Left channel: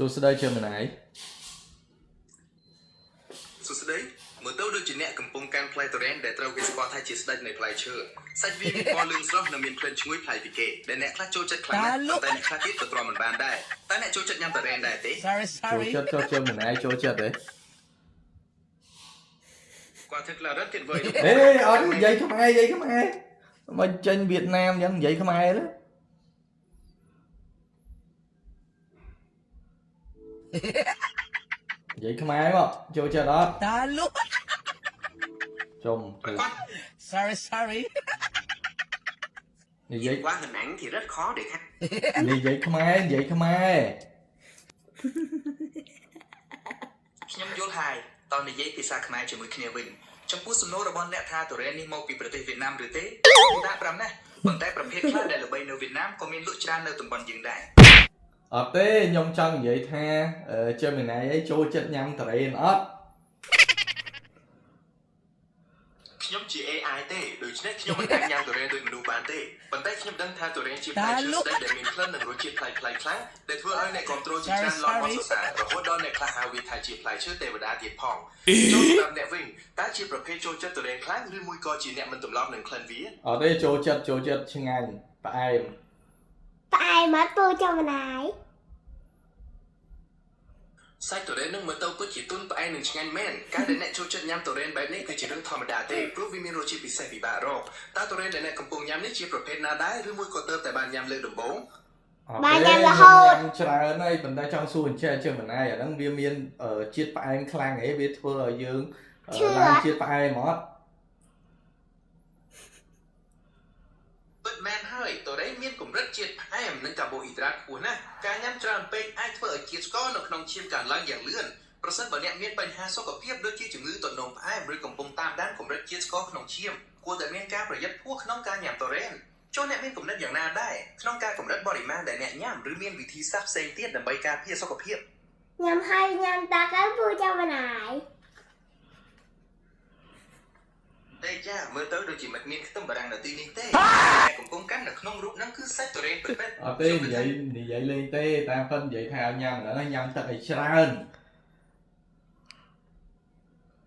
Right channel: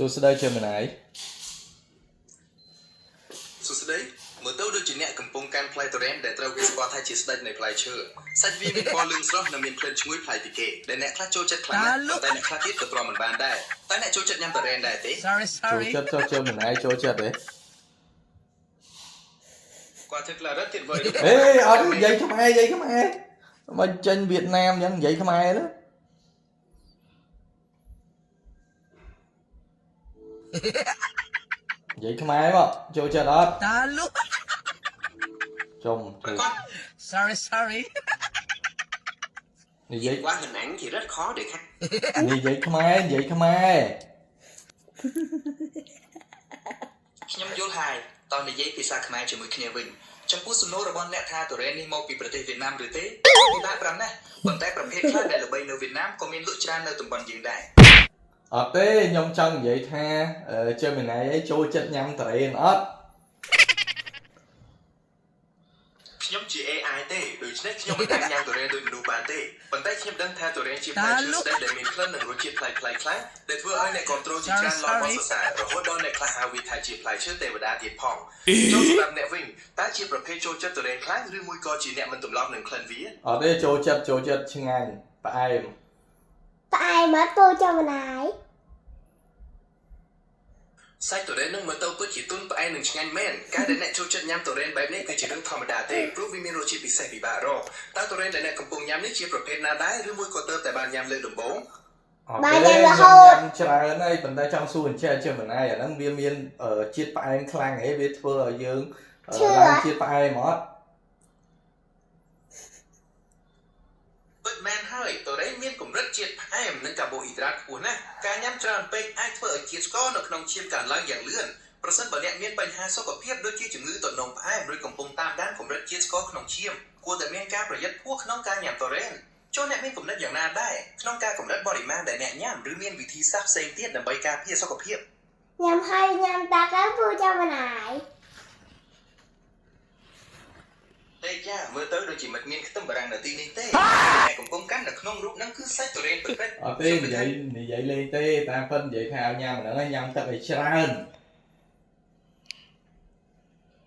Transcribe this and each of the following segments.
សួស្តីជាម្នាយសួស្តីមើលទៅដូចជាអ្នកកំពុងកាន់ផ្លែទុរេនដែលត្រូវគេស្គាល់ថាជាស្ដេចនៃផ្លែឈើសាច់វាមានពណ៌លឿងស្រស់និងមានក្លិនឈ្ងុយប្លែកពីគេដែលអ្នកខ្លះចូលចិត្តខ្លាំងណាស់តែអ្នកខ្លះទៀតក៏ទ្រាំមិនបានដែរតែអ្នកចូលចិត្តញ៉ាំទុរេនដែរទេ ចូលចិត្តជាម្នាយចូលចិត្តទេគាត់ធ្វើក្លារ៉ាត់ទៀតបើអេអត់និយាយខ្មែរមិនចេញវៀតណាមអញ្ចឹងនិយាយខ្មែរទេនិយាយខ្មែរមកចូលចិត្តអត់តាលុចុំទៅ sorry និយាយquá hình ảnh thì rất khó để khách និយាយខ្មែរខ្ញុំយល់ហើយតើនិយាយភាសាខ្មែរជាមួយគ្នាវិញចំពោះសំណួររបស់អ្នកថាទុរេននេះមកពីប្រទេសវៀតណាមឬទេគឺដាក់5ណាស់ប៉ុន្តែប្រភេទខ្លះដែលល្បីនៅវៀតណាមក៏មានលក់ច្រើននៅតំបន់យើងដែរអត់ទេខ្ញុំចង់និយាយថាជាម្នាយអីចូលចិត្តញ៉ាំទុរេនអត់ខ្ញុំជា AI ទេដូច្នេះខ្ញុំមិនអាចញ៉ាំទុរេនដូចមនុស្សបានទេប៉ុន្តែខ្ញុំដឹងថាទុរេនជាផ្លែឈើស្ដេចដែលមានក្លិននិងរសជាតិប្លែកៗខ្លះដែលធ្វើឲ្យអ្នកគ្រប់គ្រងជាច្រើនឡងមកសរសើររហូតដល់អ្នកខ្លះហៅវាថាជាផ្លែឈើទេវតាទៀតផងចូលសម្រាប់អ្នកវិញតើជាប្រភេទចូលចិត្តទុរេនខ្លាំងឬមួយក៏ជាអ្នកមិនទម្លាប់នឹងក្លិនវាអត់ទេចូលចិត្តឆ្ងាញ់ផ្អែមមកពូចាំណាយសាច់ទុរេននឹងមើលទៅពិតជាទុនផ្អែមនិងឆ្ងាញ់មែនការដែលអ្នកចូលចិត្តញ៉ាំទុរេនបែបនេះគឺជារឿងធម្មតាទេព្រោះវាមានរសជាតិពិសេសពិបាករកតើទុរេនដែលអ្នកកំពុងញ៉ាំនេះជាប្រភេទណាដែរឬមួយក៏ទើបតែបានញ៉ាំលើកដំបូងបានញ៉ាំរហូតច្រើនហើយប៉ុន្តែចង់សួរអញ្ចឹងជាម្នាយអាហ្នឹងវាមានជាតិផ្អែមខ្លាំងហ៎វាធ្វើឲ្យយើងឡើងជាតិផ្អែមអត់ពិតមែនហើយទុរេនមានកម្រិតជាតិផ្អែមនិងកាបូអ៊ីដ្រាតខ្ពស់ណាស់ការញ៉ាំច្រើនពេកអាចធ្វើឲ្យជាតិស្ករនៅក្នុងឈាមកើនឡើងយ៉ាងលឿនប្រសិនបើអ្នកមានបញ្ហាសុខភាពដូចជាជំងឺទឹកនោមផ្អែមឬកំពុងតាមដានកម្រិតជាតិស្ករក្នុងឈាមគួរតែមានការប្រយ័ត្នខ្ពស់ក្នុងការញ៉ាំទុរេនចូលអ្នកមានគំនិតយ៉ាងណាដែរក្នុងការកម្រិតបរិមាណដែលអ្នកញ៉ាំឬមានវិធីសាស្ត្រផ្សេងទៀតដើម្បីការពារសុខភាពញ៉ាំហើយញ៉ាំតាកៅពូចាំណាយតែចាមើលទៅដូចជាមិនមានខ្ទឹមបារាំងនៅទីនេះទេតែកំពុងកាន់នៅក្នុងរូបហ្នឹងគឺសាច់ទុរេនពិតៗអត់ទេនិយាយលេងទេតាមពិតនិយាយថាញ៉ាំហ្នឹងញ៉ាំទឹកឲ្យច្រើន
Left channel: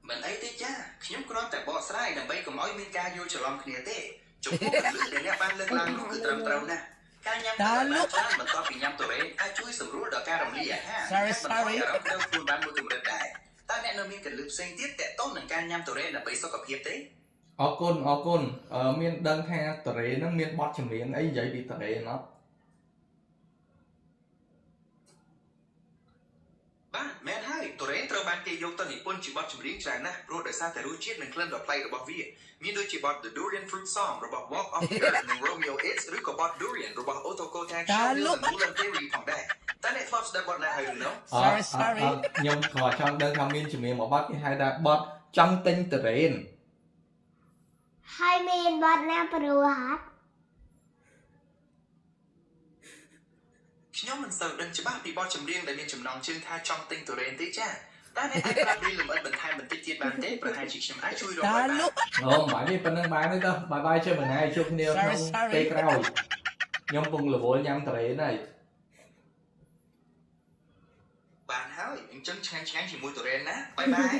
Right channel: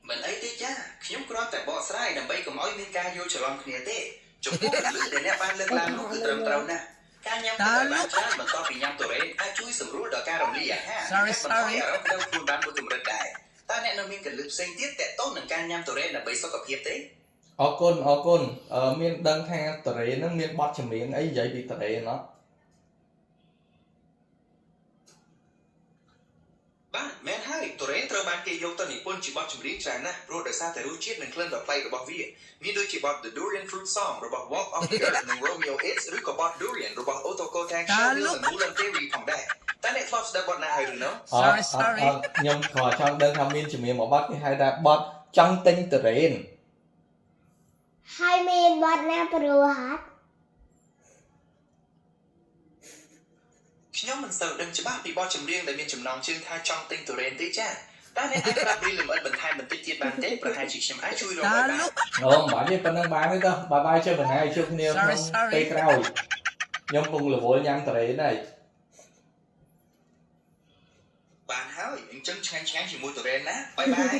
មិនអីទេចាខ្ញុំគ្រាន់តែបកស្រាយដើម្បីកុំឲ្យមានការយល់ច្រឡំគ្នាទេចំពោះពលិដែលអ្នកបានលើកឡើងនោះគឺត្រឹមត្រូវណាស់ការញ៉ាំទឹកបានច្រើនបន្ទាប់ពីញ៉ាំទុរេនអាចជួយសម្រួលដល់ការរំលាយអាហារបន្ថយអារម្មណ៍ដល់ខ្លួនបានមួយកម្រិតដែរតើអ្នកនៅមានកលឹះផ្សេងទៀតតើតូននឹងការញ៉ាំទុរេនដើម្បីសុខភាពទេអរគុណមានដឹងថាទុរេនហ្នឹងមានបទចម្រៀងអីនិយាយពីទុរេនអត់បាទមែនហើយទុរេនត្រូវបានគេយកទៅនិពន្ធជាបទចម្រៀងច្រើនណាស់ព្រោះដោយសារតែរសជាតិនិងក្លិនដ៏ប្លែករបស់វាមានដូចជាបទ The Durian Fruit Song របស់ Walk of the Earth និង Romeo X ឬក៏បទ Durian របស់ Otoko Tang Show និង Mulan Theory ផងដែរតើអ្នកធ្លាប់ស្ដាប់បទណាហើយឬនៅ sorry ខ្ញុំក៏ចង់ដឹងថាមានចម្រៀងមួយបទគេហៅថាបទចង់ទិញទុរេនហើយមានបទណាព្រោះហាត់ខ្ញុំមិនសូវដឹងច្បាស់ពីបទចម្រៀងដែលមានចំណងជើងថាចង់ទិញទុរេនទេចាតើអ្នកអាចប្រាប់ពីលម្អិតបន្ថែមបន្តិចទៀតបានទេប្រហែលជាខ្ញុំអាចជួយរកបានអូមិនទេប៉ុណ្្នឹងបានទេបាយជើម្នាយជួបគ្នាក្នុងពេលក្រោយខ្ញុំពងរវល់ញ៉ាំទុរេនហើយបានហើយអញ្ចឹងឆ្ងាញ់ជាមួយទុរេនណាបាយបាយ